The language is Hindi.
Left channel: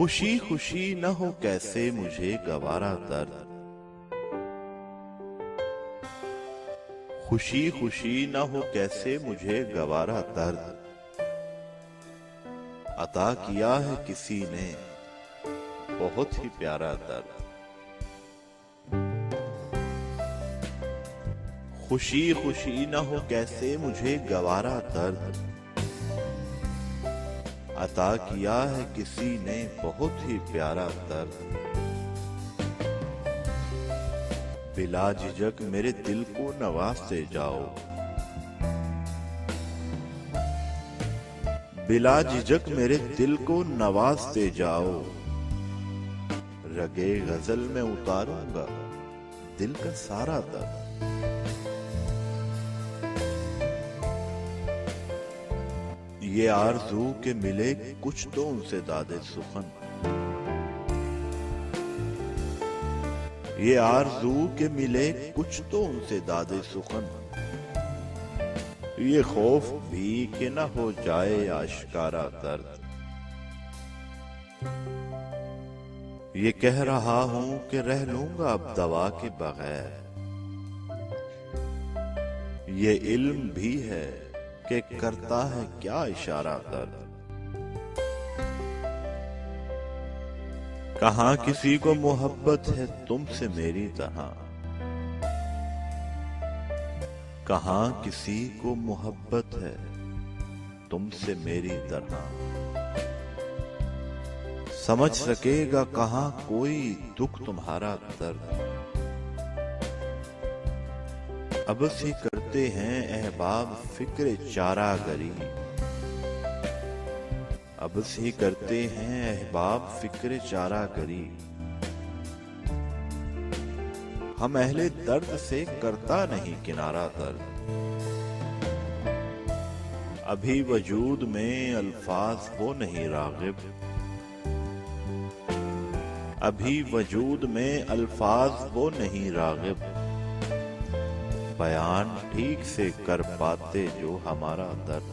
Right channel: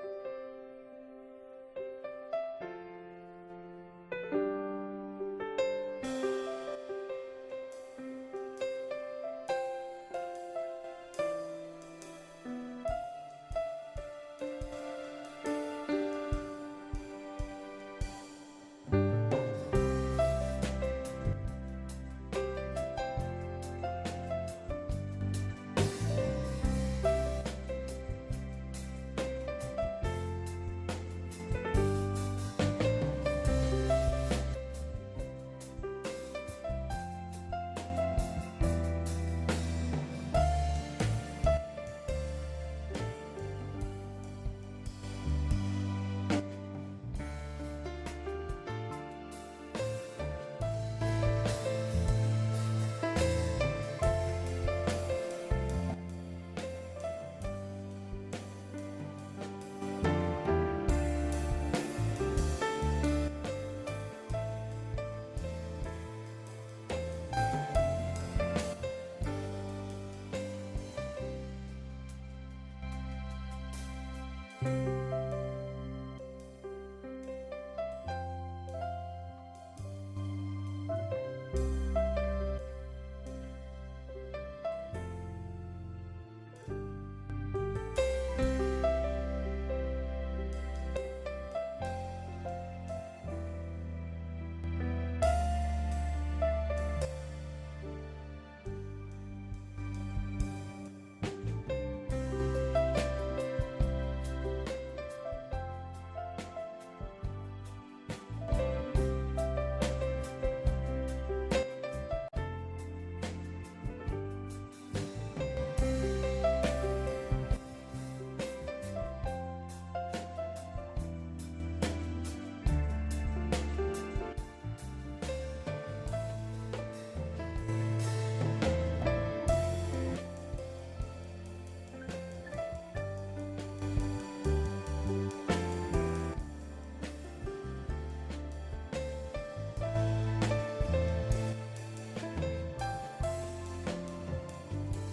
खुशी खुशी न हो कैसे मुझे गवारा दर्द। खुशी खुशी न हो कैसे मुझे गवारा दर्द। अता किया है किसी ने बहुत ही प्यारा दर्द। खुशी खुशी न हो कैसे मुझे गवारा दर्द। अता किया है किसी ने बहुत ही प्यारा दर्द। बिला झिझक मेरे दिल को नवाजते जाओ। बिला झिझक मेरे दिल को नवाजते जाओ। रगे गजल में उतारूंगा दिल का सारा दर्द। ये आरज़ू के मिले कुछ तो उनसे दादे सुखन। ये आरज़ू के मिले कुछ तो उनसे दादे सुखन। ये खौफ भी कि न हो जाए आशिकारा दर्द। ये कह रहा हूं कि रह लूंगा अब दवा के बगैर। ये इल्म भी है कि करता है क्या इशारा दर्द। कहाँ किसी को मोहब्बत है तुमसे मेरी तरह। कहाँ किसी को मोहब्बत है तुमसे मेरी तरह। समझ सकेगा कहाँ कोई दुख तुम्हारा दर्द। अब सी करते हैं अहबाब फिक्र चारागरी। अब सी करते हैं अहबाब फिक्र चारागरी। हम अहले दर्द से करता नहीं किनारा दर्द। अभी वजूद में अल्फाज वो नहीं रागिब। अभी वजूद में अल्फाज वो नहीं रागिब। बयान ठीक से कर पाते जो हमारा दर्द।